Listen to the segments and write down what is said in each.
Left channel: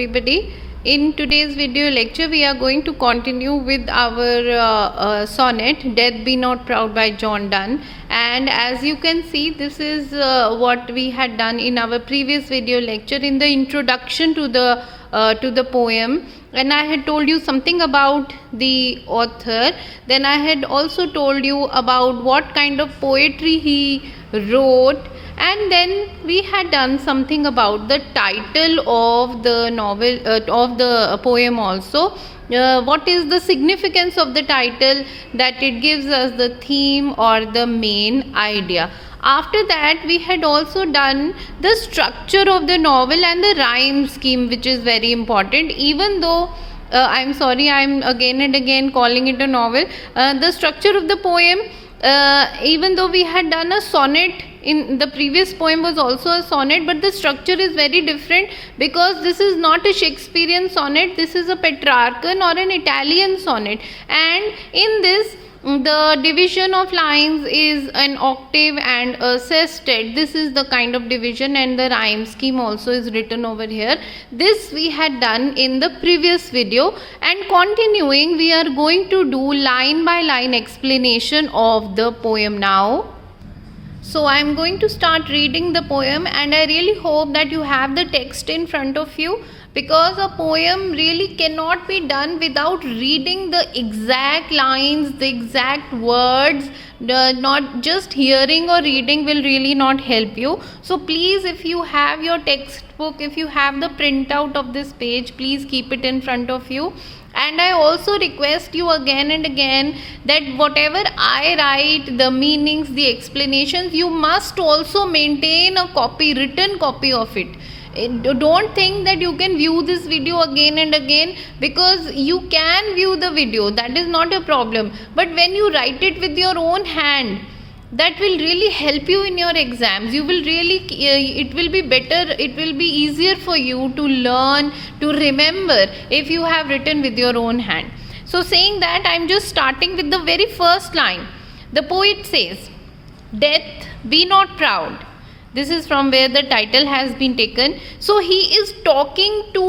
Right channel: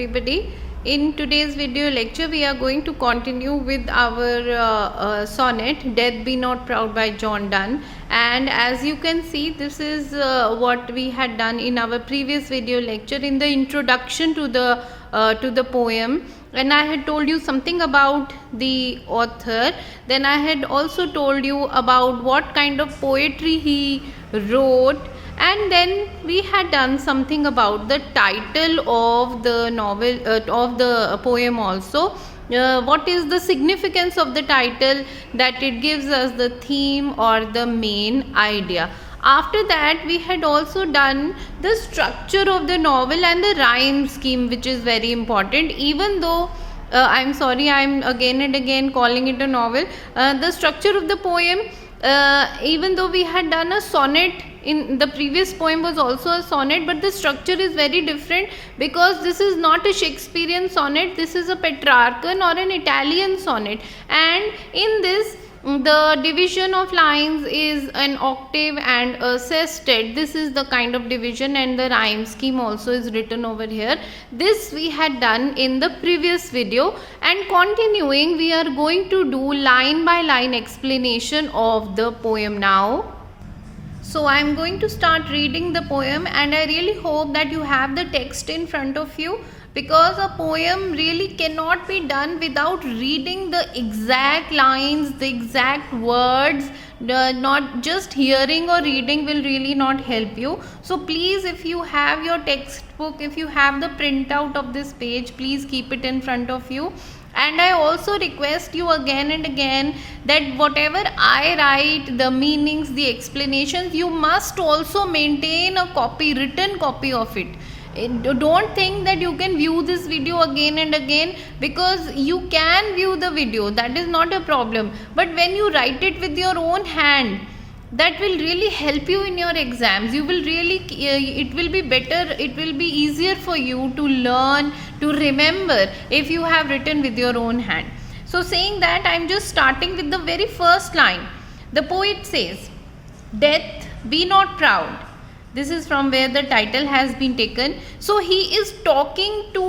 everybody. In today's video lecture we are going to continue with our sonnet Death Be Not Proud by John Donne, and as you can see this is what we had done in our previous video lecture in the introduction to the poem, and I had told you something about the author. Then I had also told you about what kind of poetry he wrote, and then we had done something about the title of the novel, of the poem also. What is the significance of the title? That it gives us the theme or the main idea. After that we had also done the structure of the novel and the rhyme scheme, which is very important. Even though I'm sorry, I'm again and again calling it a novel, the structure of the poem, even though we had done a sonnet, in the previous poem was also a sonnet, but the structure is very different because this is not a Shakespearean sonnet, this is a Petrarchan or an Italian sonnet, and in this the division of lines is an octave and a sestet. This is the kind of division, and the rhyme scheme also is written over here. This we had done in the previous video, and continuing we are going to do line by line explanation of the poem now. So I am going to start reading the poem, and I really hope that you have the text in front of you, because a poem really cannot be done without reading the exact lines, the exact words. Not just hearing or reading will really not help you. So please, if you have your textbook, if you have the printout of this page, please keep it in front of you. And I also request you again and again that whatever I write, the meanings, the explanations, you must also maintain a copy, written copy of it. Don't think that you can view this video again and again, because you can view the video, that is not a problem, but when you write it with your own hand, that will really help you in your exams. You will really, it will be better, it will be easier for you to learn, to remember, if you have written with your own hand. So saying that, I am just starting with the very first line. The poet says, "Death, be not proud." This is from where the title has been taken. So he is talking to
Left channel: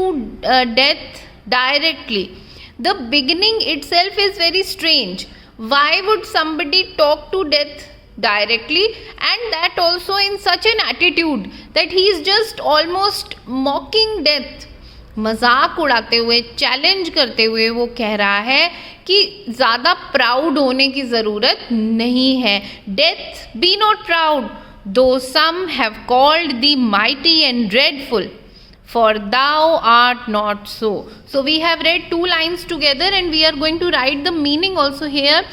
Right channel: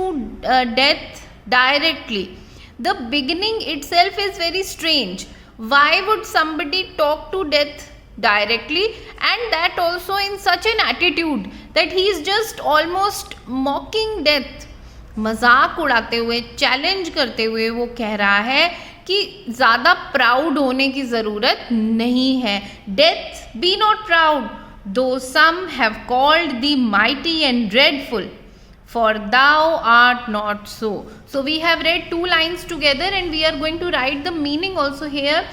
death directly. The beginning itself is very strange. Why would somebody talk to death directly, and that also in such an attitude that he is just almost mocking death? मजाक उड़ाते हुए, challenge करते हुए वो कह रहा है कि ज़्यादा प्राउड होने की ज़रूरत नहीं है. Death B not proud, though some have called thee mighty and dreadful, for thou art not so. So we have read two lines together, and we are going to write the meaning also here.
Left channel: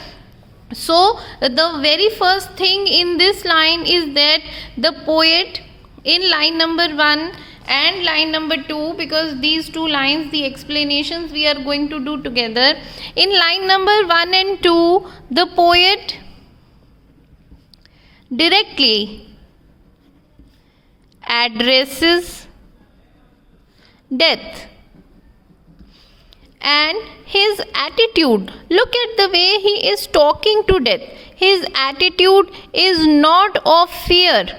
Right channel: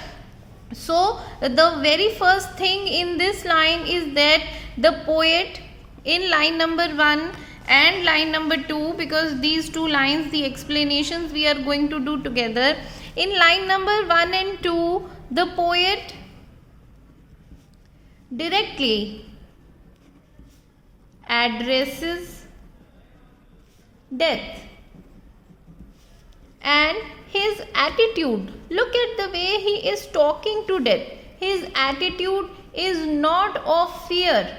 So the very first thing in this line is that the poet, in line number 1 and line number 2, because these two lines, the explanations we are going to do together. In line number 1 and 2, the poet directly addresses death, and his attitude, look at the way he is talking to death. His attitude is not of fear,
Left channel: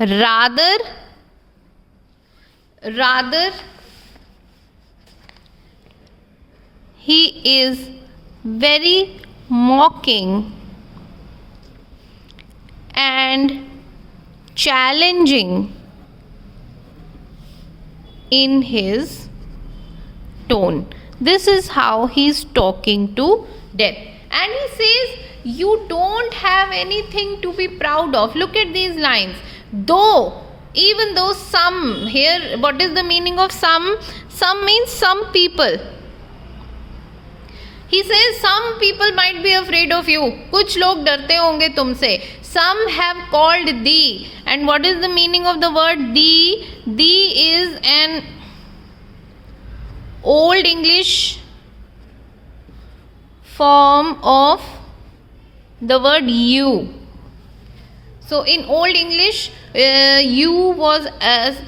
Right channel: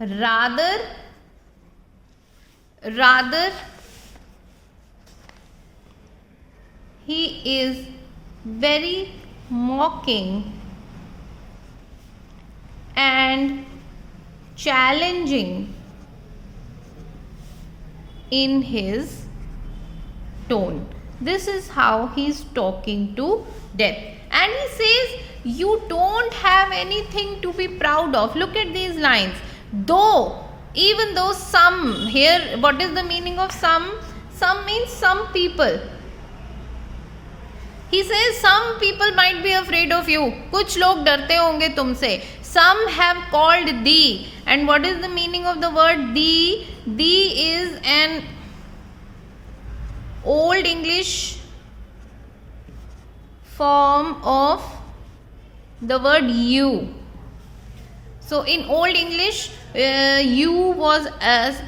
rather he is very mocking and challenging in his tone. This is how he is talking to death, and he says you don't have anything to be proud of. Look at these lines. Though, even though some, here what is the meaning of some? Some means some people. He says some people might be afraid of you. कुछ लोग डरते होंगे तुमसे. Some have called thee. And what is the meaning of the word thee? Thee is an old English form of the word you. So in old English, you was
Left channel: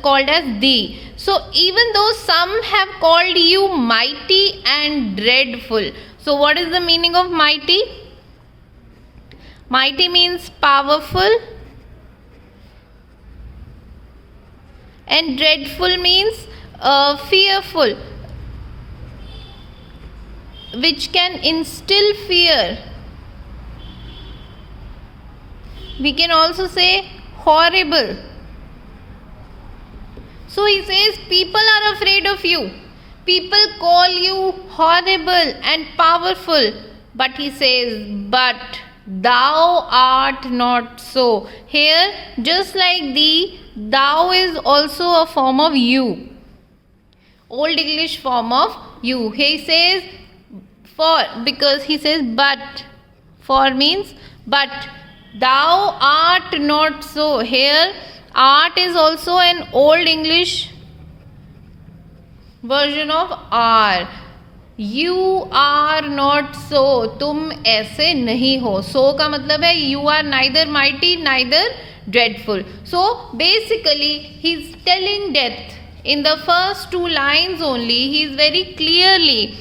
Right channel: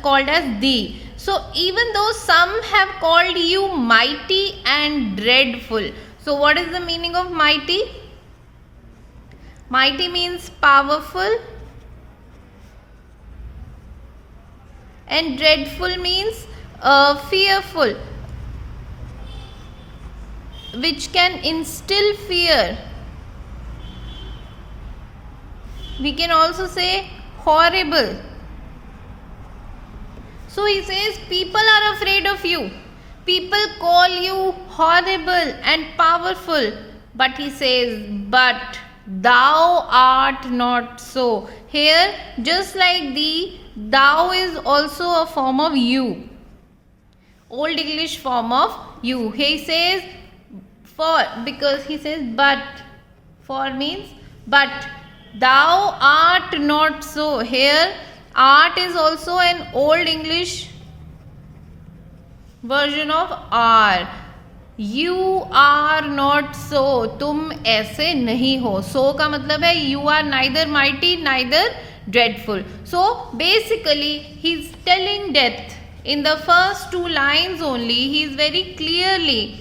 called as thee. So even though some have called you mighty and dreadful. So what is the meaning of mighty? Mighty means powerful, and dreadful means fearful, which can instill fear. We can also say horrible. So he says people are afraid of you. People call you horrible and powerful. But he says, but thou art not so. Here, just like thee, thou is also a form of you. Old English form of you. He says for, because he says but. For means but. Thou art not so. Here, art is also an Old English version of are. You are not so. तुम ऐसे नहीं हो. So का मतलब है you are neither mighty neither dreadful. So basically he is telling death in the first two lines only. He is very clearly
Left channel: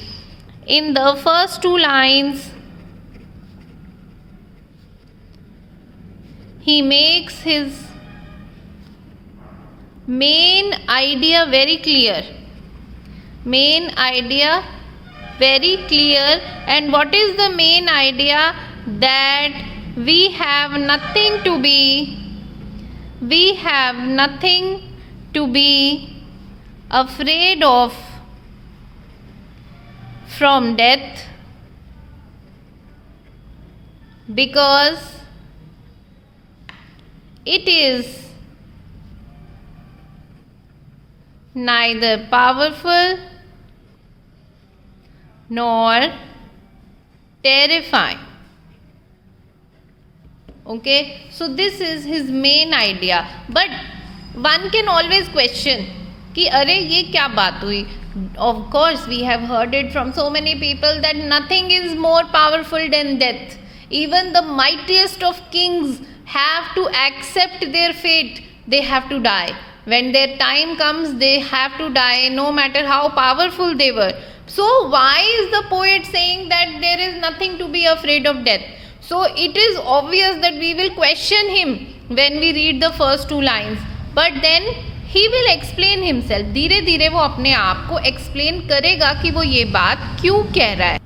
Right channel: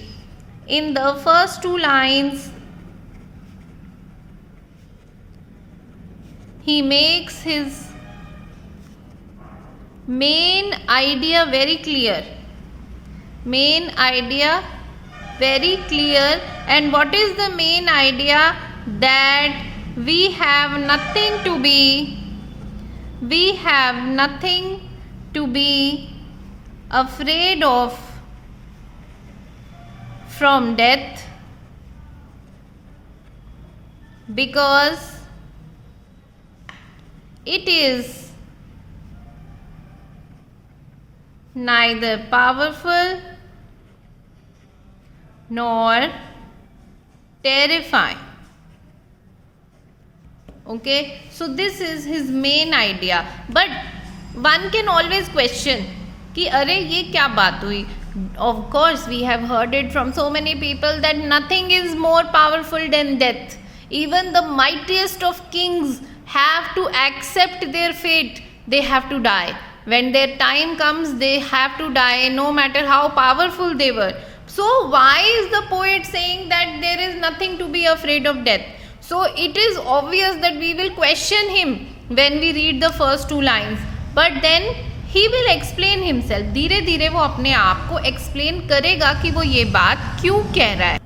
in the first two lines. He makes his main idea very clear. Main idea very clear. And what is the main idea? That we have nothing to be afraid of from death, because it is neither powerful nor terrifying. Okay, so this is his main idea. But one can always question कि अरे ये क्या बात हुई. Of course we have heard it from so many people that nothing is more powerful than death. Even the mightiest of kings have to accept their fate. They have to die. When their time comes, they have to die, no matter how powerful they were. So why is the poet saying that there is nothing to be afraid of death? So it is obvious that we will question him when we read the first two lines. But then he will explain himself. धीरे धीरे वो अपने आप को explain करेगा कि वो ये बात क्यों कह रहा है.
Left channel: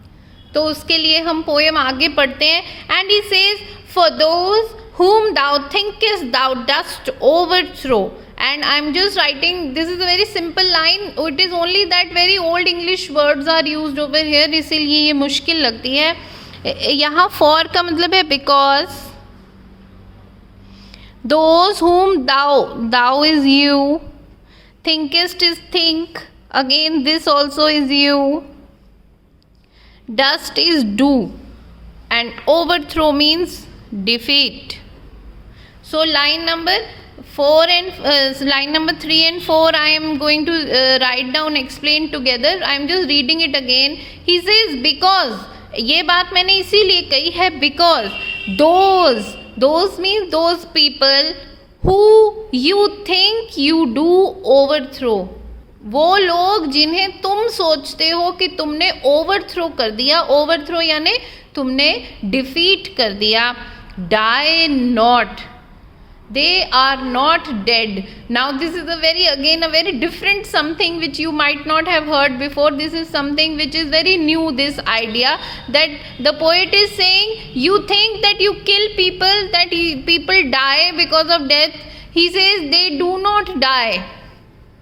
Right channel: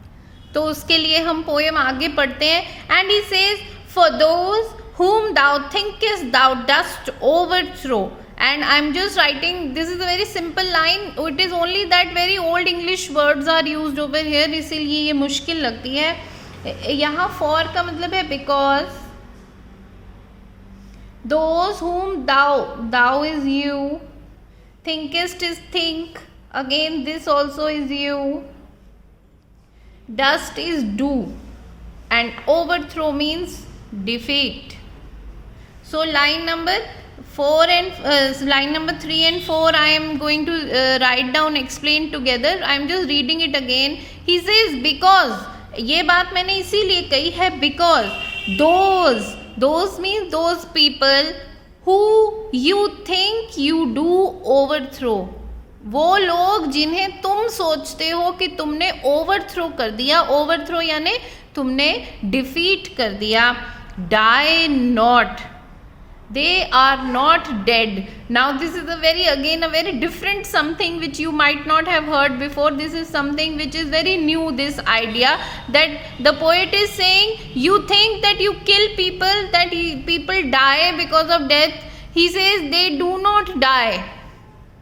तो उसके लिए हम पोएम आगे पढ़ते हैं. And he says, for those whom thou thinkest thou dost overthrow. And I am just writing, this is a very simple line. It is only that very old English words are used over here, इसीलिए ये मुश्किल लगती है. यहाँ for का मतलब है because. Those whom thou is you, thinkest is think, again this also is you, dust is do, and overthrow means defeat. So line number 4 and line number 3 and 4 I am going to write down, explain together. I am just reading it again. He says because, ये बात मैंने इसीलिए कही है because those means those people who you think you do overthrow. वो लोग जिन्हें तुम सोचते हो कि तुमने ओवरथ्रो कर दिया. ओवरथ्रो यानी तुमने डिफीट कर दिया. Die not. They are not dead. Now this is a very different something which you might not have heard before. This is something which is very new, this idea that the poet is saying you think that you kill people, that people die because of death. He says they do not die.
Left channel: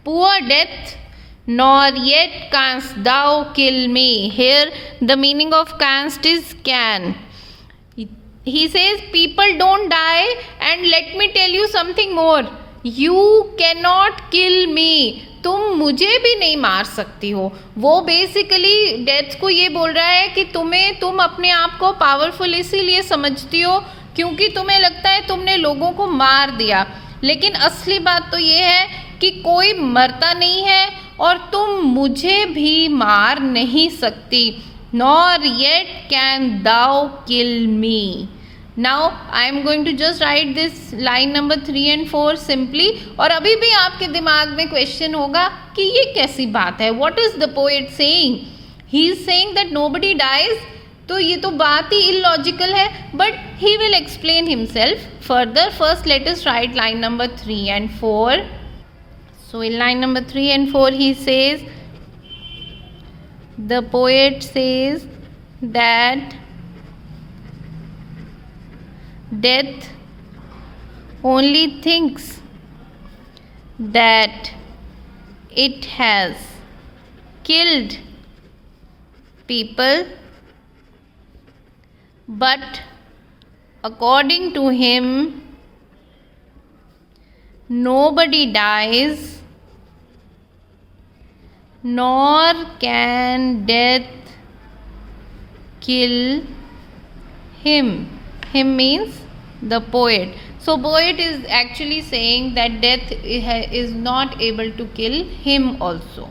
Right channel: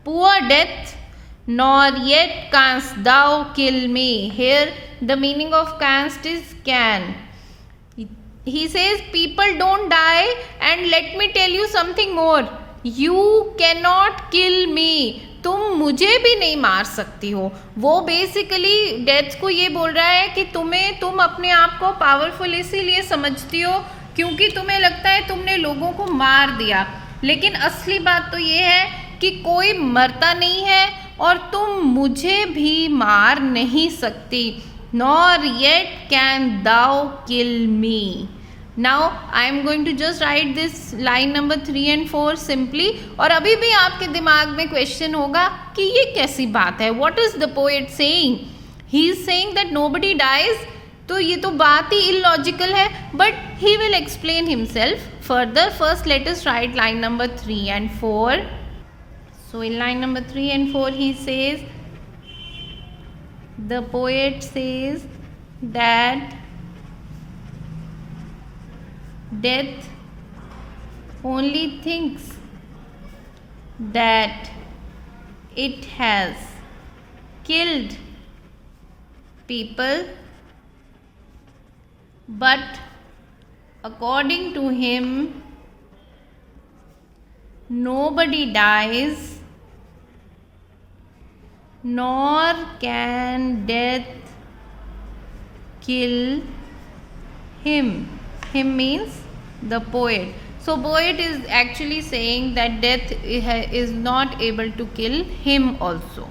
Poor death, nor yet canst thou kill me. Here the meaning of canst is can. He says people don't die, and let me tell you something more. You cannot kill me. तुम मुझे भी नहीं मार सकती हो. वो basically death को ये बोल रहा है कि तुम अपने आप को पावरफुल इसीलिए समझती हो क्योंकि तुम्हें लगता है तुमने लोगों को मार दिया. लेकिन असली बात तो ये है कि कोई मरता नहीं है और तुम मुझे भी मार नहीं सकती. Nor yet can thou kill me. Now I am going to just write this line number 3 and 4 simply. और अभी भी आपके दिमाग में क्वेश्चन होगा कि ये कैसी बात है. What is the poet saying? He is saying that nobody dies. तो ये तो बात ही illogical है. But he will explain himself further. First let us write line number 3 and 4. So in line number 3 and 4 he says, the poet says that death only thinks that it has killed people, but according to him, nobody dies, nor can death kill him. Him means the poet. So poet is actually saying that death is not able to kill him also.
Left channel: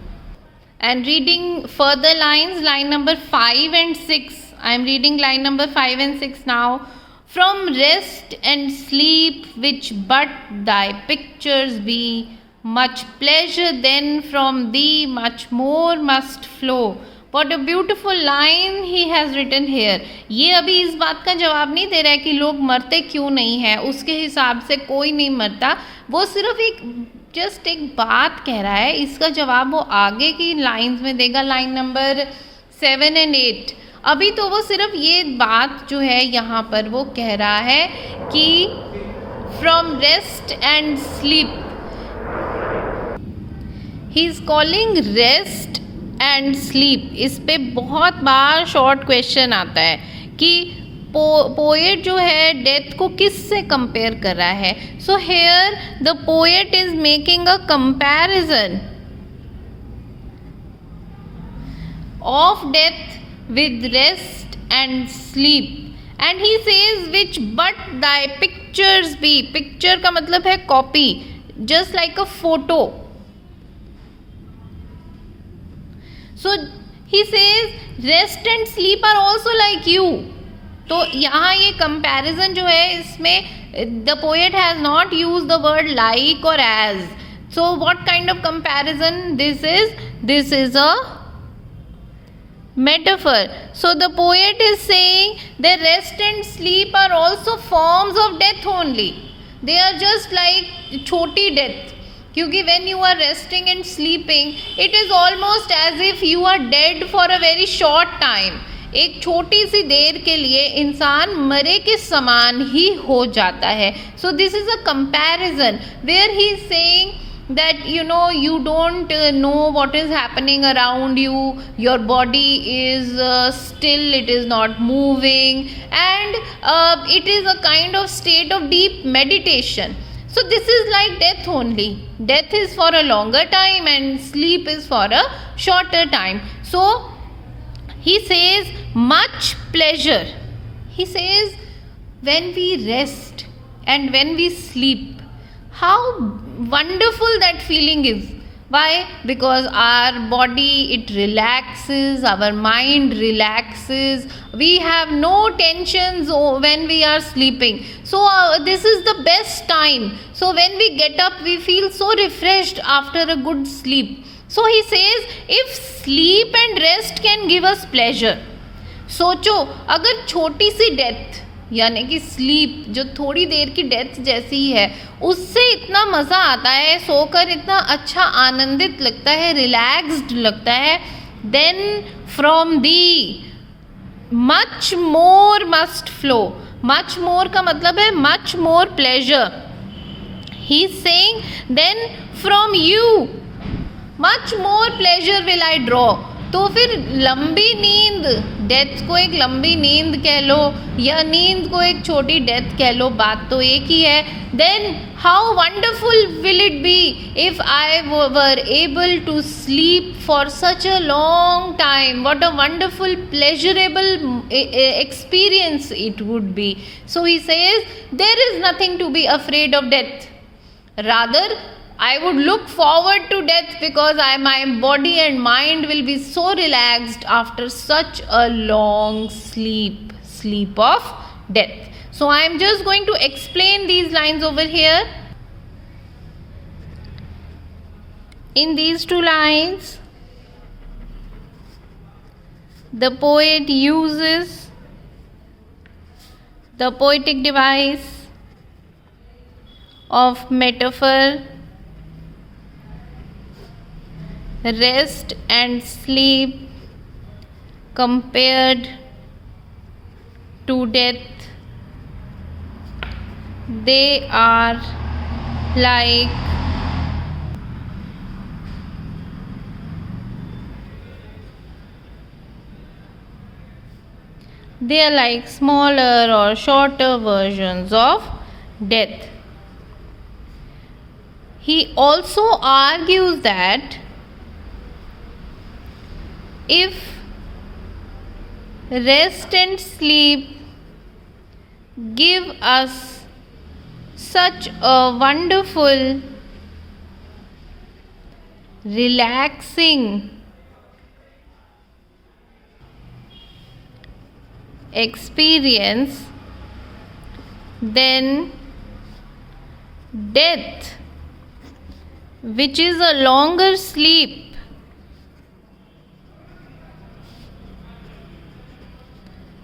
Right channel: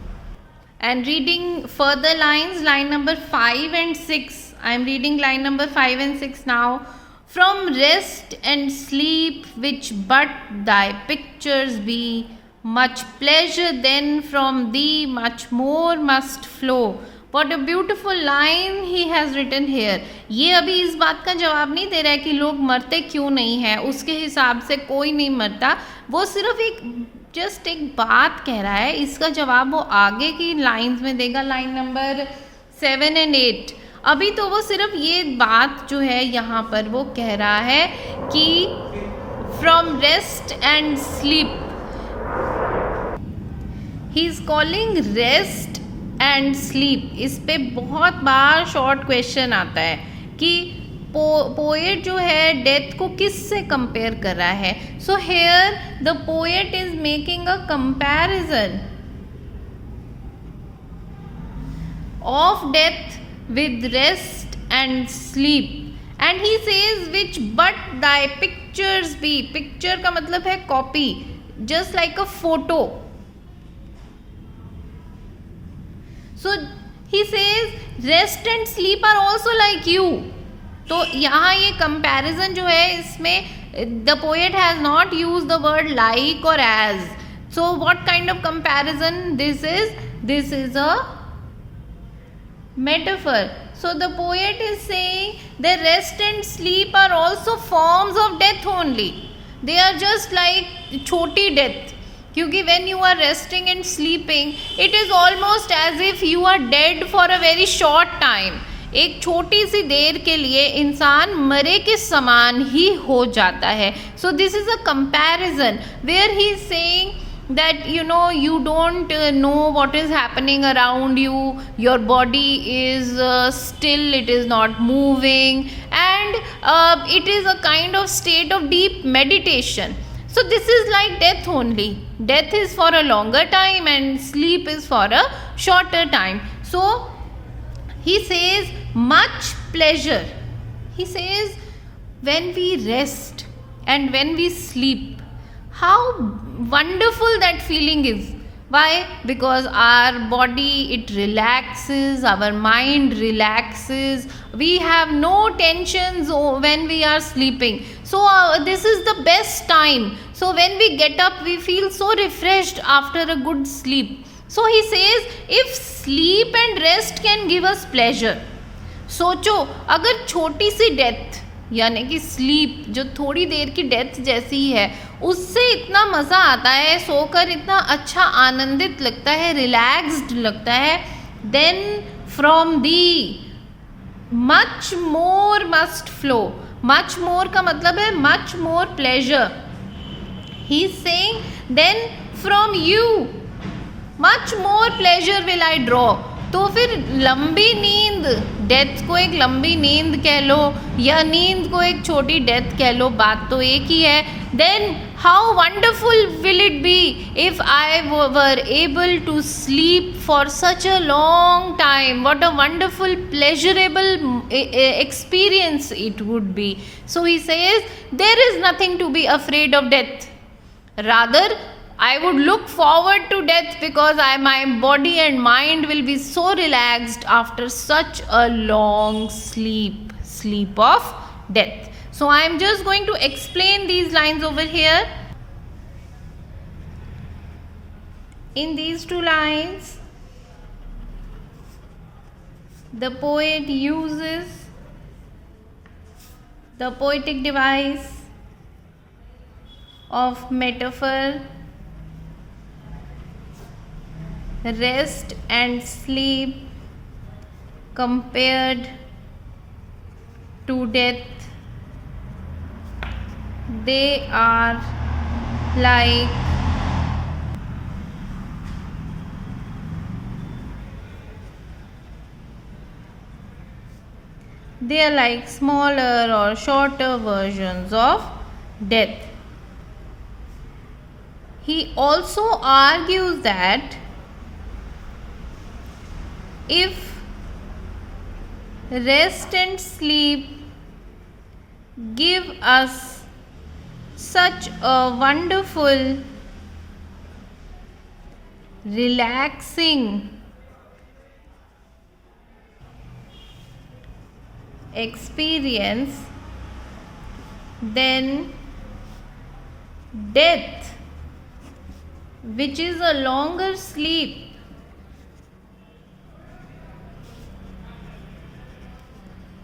And reading further lines, line number 5 and 6. I am reading line number 5 and 6 now. From rest and sleep, which but thy pictures be, much pleasure then from thee much more must flow. What a beautiful line he has written here. ये अभी इस बात का जवाब नहीं दे रहा है कि लोग मरते क्यों नहीं हैं, उसके हिसाब से कोई नहीं मरता, वो सिर्फ एक बात कह रहा है. इसका जवाब वो आगे की लाइंस में देगा, लाइन नंबर 7 and 8. अभी तो वो सिर्फ ये बात जो है यहाँ पर वो कह रहा है कि from rest and sleep, he is calling rest and sleep. इस पे बहुत बार शॉर्ट क्वेश्चन आता है कि पोएट जो है डेथ को किस से कंपेयर कर रहा है. So here the poet is making a comparison of death with rest and sleep, and he says which but thy pictures be. Picture का मतलब है copy, just like a photo. So he says rest and sleep are also like you. तो यहाँ ये comparison जो है इसमें the poet has not used the word like or as. So what kind of comparison this is? This is a metaphor. So the poet is saying that rest and sleep are also forms of death only. They are just like choti death. क्योंकि when you are resting and sleeping, it is almost as if you are dead for a very short time. एक छोटी सी देर के लिए इंसान मरे के समान ही हो जाता है. So this is a comparison where he is saying that you don't know what is happening around you, your body is still, it is not moving, and it is a kind of state of deep meditation. So this is like death only. Death is for a longer time and sleep is for a shorter time. So he says much pleasure. He says when we rest and when we sleep, how wonderful that feeling is. Why? Because our body, it relaxes, our mind relaxes, we have no tensions when we are sleeping. So this is the best time. So when we get up, we feel so refreshed after a good sleep. So he says if sleep and rest can give us pleasure, सोचो अगर छोटी सी death यानी कि sleep जो थोड़ी देर की death जैसी ही है, उससे इतना मज़ा आता है, सोकर इतना अच्छा आनंदित लगता है, रिलैक्स्ड लगता है, then from thee much more must flow. Much more का मतलब है much more pleasure. He is saying then from you much more pleasure will I draw. तो फिर लंबी नींद, डेथ को एक लंबी नींद कह लो या नींद को एक छोटी डेथ कह लो, बात तो एक ही है. Then how wonderful will it be if I were able to sleep for such a long time. What a wonderful pleasurable experience it would be. So he says there is nothing to be afraid of death, rather I would look forward to death because my body and mind will be so relaxed after such a long sleep of death. So I am just going to explain these lines over here. In these two lines, the poet uses the poetic device of metaphor rest and sleep compared to death, they are like smaller or shorter versions of death. He also argues that if rest and sleep give us such a wonderful, relaxing experience, then death, which is a longer sleep,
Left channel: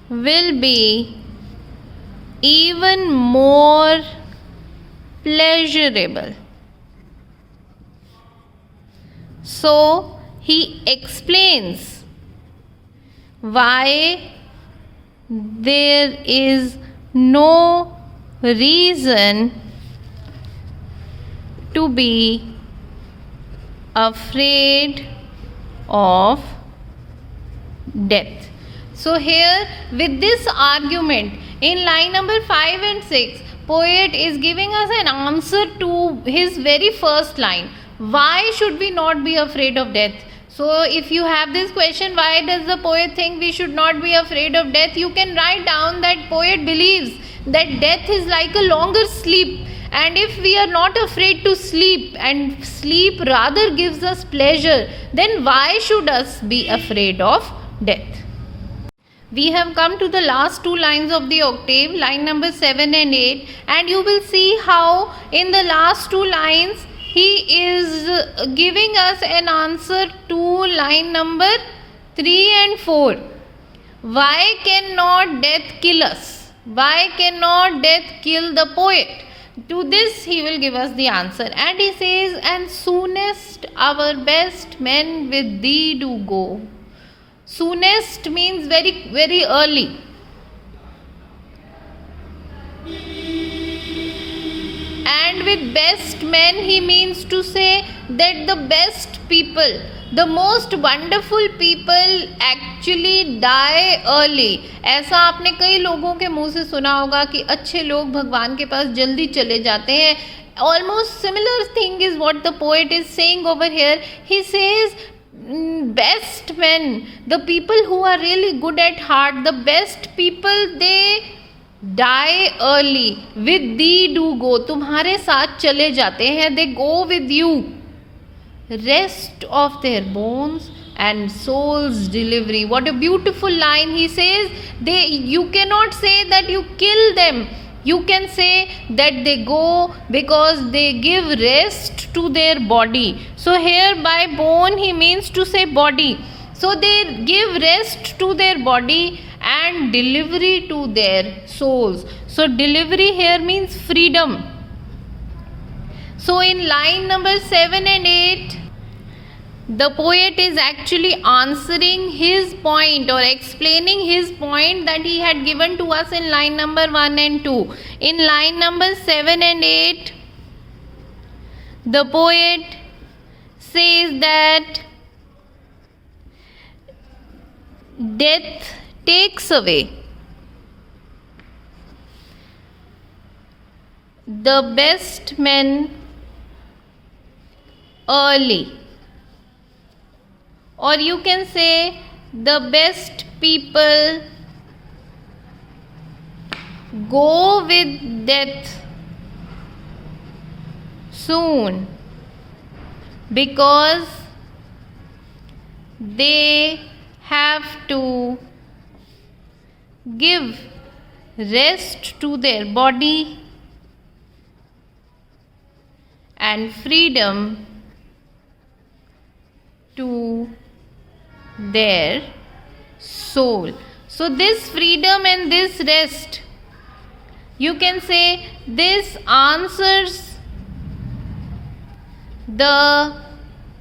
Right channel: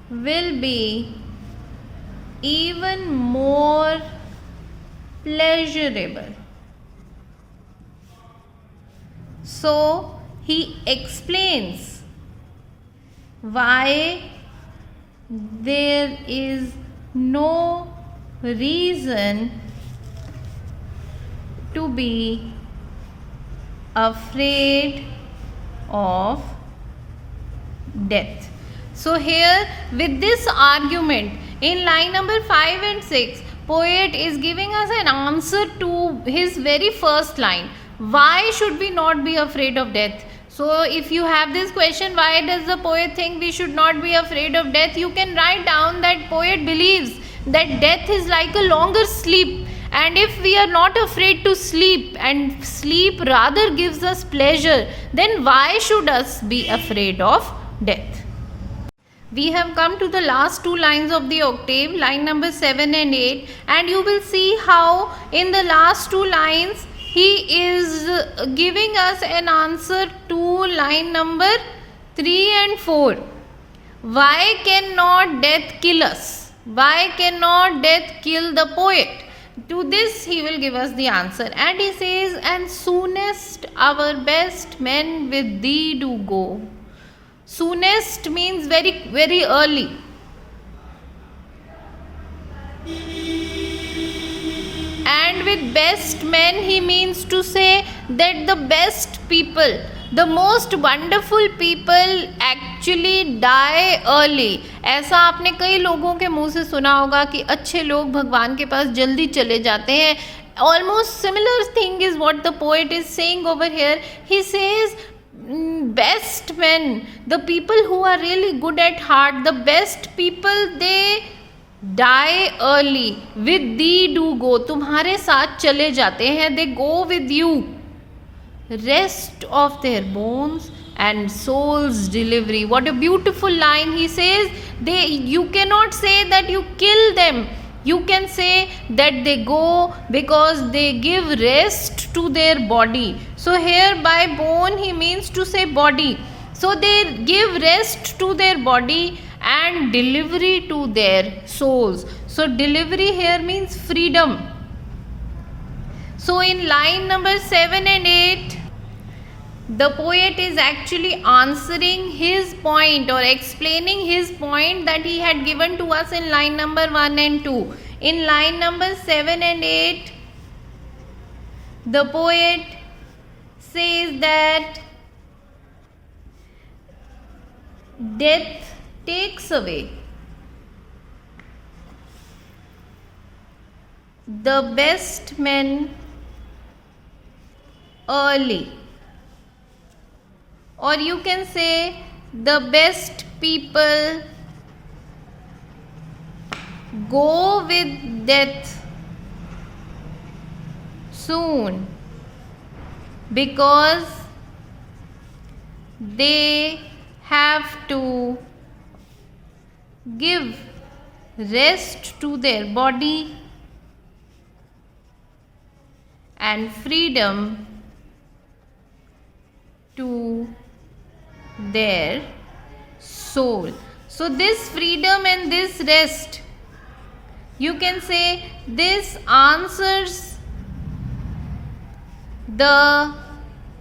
will be even more pleasurable. So he explains why there is no reason to be afraid of death. So here, with this argument, in line number 5 and 6, poet is giving us an answer to his very first line. Why should we not be afraid of death? So if you have this question, why does the poet think we should not be afraid of death? You can write down that poet believes that death is like a longer sleep. And if we are not afraid to sleep, and sleep rather gives us pleasure, then why should us be afraid of death? We have come to the last two lines of the octave, line number 7 and 8, and you will see how in the last two lines he is giving us an answer to line number 3 and 4. Why cannot death kill us? Why cannot death kill the poet? To this he will give us the answer, and he says, and soonest our best men with thee do go. Soonest means very, very early. And with best men he means to say that the best people, the most wonderful people actually die early. ऐसा आपने कई लोगों के मुंह से सुना होगा कि अच्छे लोग भगवान के पास जल्दी चले जाते हैं. Almost similar thing is what the poet is saying over here. He says, best men, the people who are really good at heart, the best people, they die early. With thee do go, तुम्हारे साथ चले जाते हैं. They go with you. Rest of their bones and soul's delivery. What a beautiful line. He says, you cannot say that you kill them. You can say that they go because they give rest to their body. So here by bone he means to say body. So they give rest to their body and delivery to their souls. So delivery here means freedom. So in line number 7 and 8, the poet is actually answering his point or explaining his point that he had given to us in line number 1 and 2. In line number 7 and 8, the poet says that death takes away the best men early, or you can say the best people go with death soon because they have to give rest to their body and freedom to their soul. So this freedom and this rest, you can say this answers the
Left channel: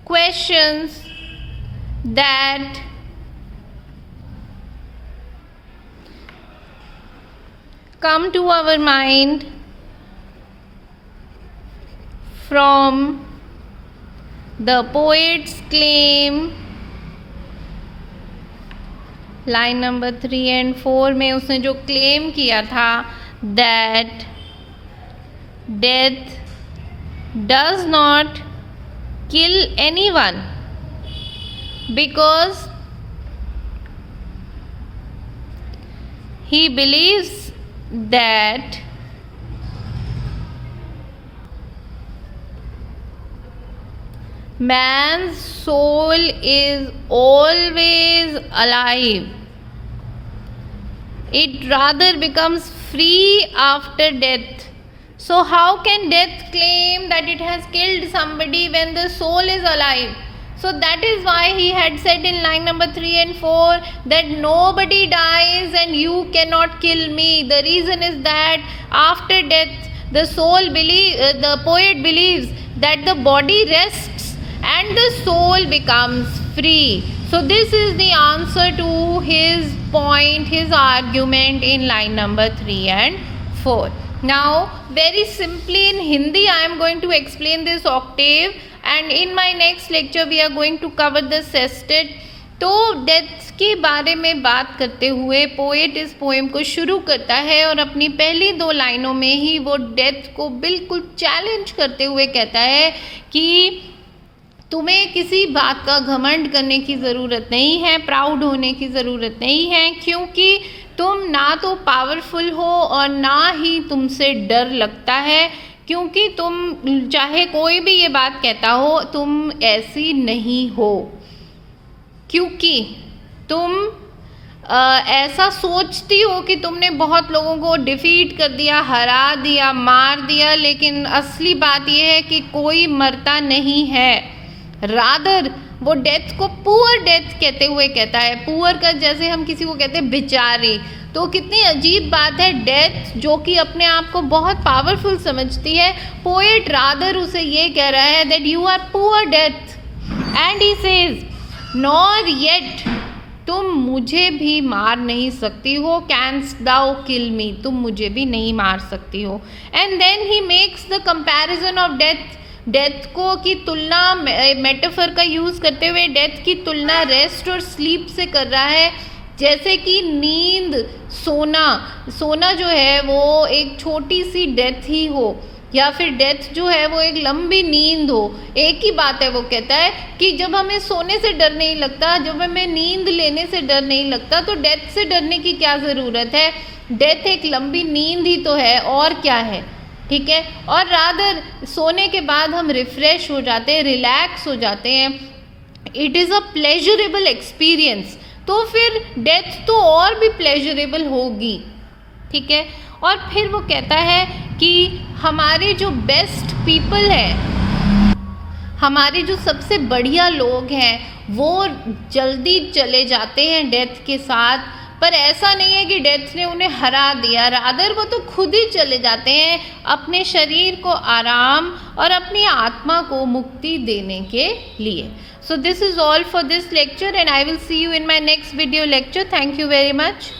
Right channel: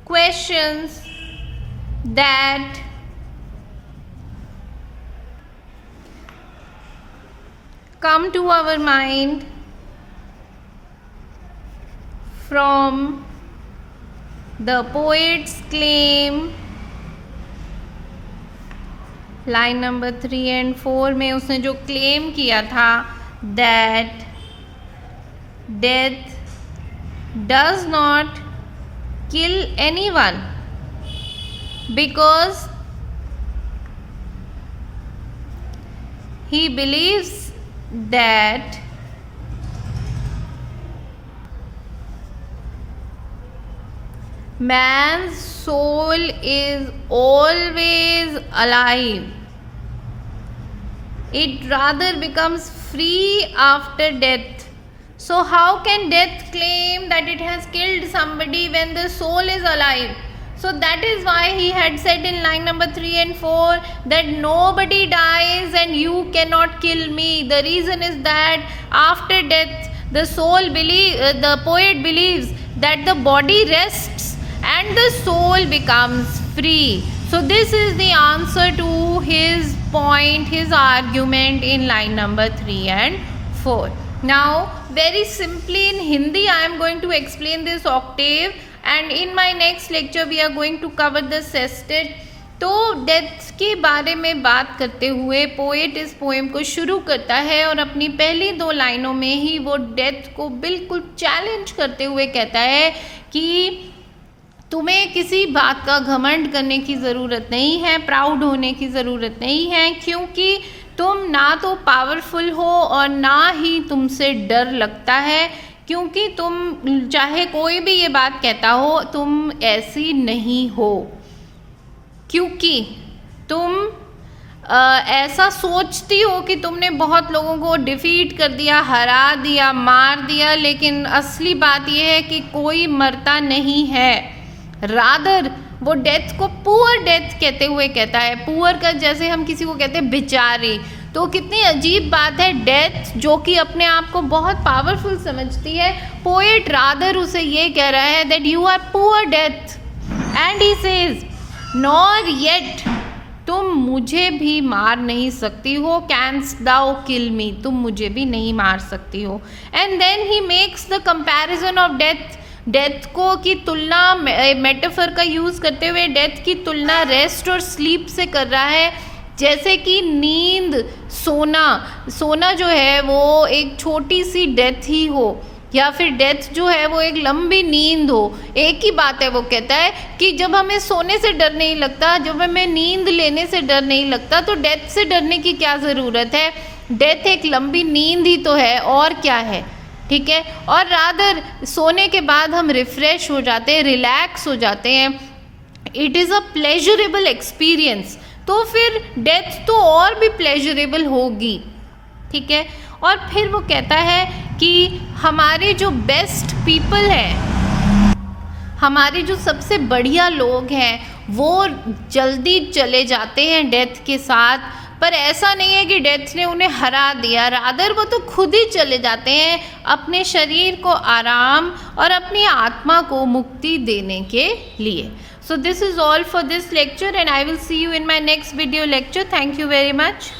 questions that come to our mind from the poet's claim. Line number 3 and 4 में उसने जो claim किया था that death does not kill anyone because he believes that man's soul is always alive. It rather becomes free after death. So how can death claim that it has killed somebody when the soul is alive? So that is why he had said in line number 3 and 4 that nobody dies and you cannot kill me. The reason is that after death the poet believes that the body rests and the soul becomes free. So this is the answer to his point, his argument in line number 3 and 4. Now very simply in Hindi I am going to explain this octave, and in my next lecture we are going to cover the sestet. तो death के बारे में बात करते हुए poet इस poem को शुरू करता है और अपनी पहली 2 लाइनों में ही वो डेथ को बिल्कुल चैलेंज करते हुए कहता है कि तुम्हें किसी बात का घमंड करने की ज़रूरत नहीं है, प्राउड होने की ज़रूरत नहीं है, क्योंकि तुम ना तो पावरफुल हो और ना ही तुमसे डर लगता है, क्योंकि तुम चाहे कोई भी ये बात कहता हो तुम ऐसी नहीं हो, क्योंकि तुम ऐसा सोचती हो कि तुमने बहुत लोगों को डिफीट कर दिया, हरा दिया, मार दिया, लेकिन असली बात यह है कि कोई मरता नहीं है। रादर वो डेथ को पुअर डेथ कहते हुए कहता है। पुअर का जैसे हम किसी को कहते हैं बेचारी, तो कितनी अजीब बात है, डेथ जो कि अपने आप को बहुत पावरफुल समझती है, पोएट रादर उसे ये कह रहा है that you are poor death and he says nor yet, तुम मुझे भी मार नहीं सकती हो, कैंस्ट दाउ किल मी, तुम मुझे भी नहीं मार सकती हो। And then he makes the comparison of death, death को की तुलना मेटाफर का यूज़ करते हुए डेथ की तुलना रेस्ट और स्लीप से कर रहा है। जैसे कि नींद, सोना जो है वो एक छोटी सी डेथ ही हो, या फिर डेथ जो है वो एक लंबी नींद हो, एक ही बात है। वो कहता है कि जब हमें सोने से डर नहीं लगता, जब हमें नींद लेने से डर नहीं लगता, तो डेथ से डरने की क्या ज़रूरत है। डेथ एक लंबी नींद ही तो है, और क्या है, ठीक है। और रादर सोने के बाद हम रिफ़्रेश हो जाते हैं, रिलैक्स हो जाते हैं, it is a pleasurable experience. तो फिर डेथ तो और भी प्लेजरेबल होगी, ठीक है। और फिर वो कहता है कि हमारे जो बेस्ट पीपल हैं, हमारे जो सबसे बढ़िया लोग हैं, वो जल्दी चले जाते हैं डेथ के साथ, पर ऐसा नहीं है कि डेथ ने उन्हें हरा दिया, रादर वो तो खुद ही चले जाते हैं अपने शरीर को आराम और अपनी आत्मा को मुक्ति देने के लिए। So this is all for this lecture and I will see you in my next video lecture. Thank you very much.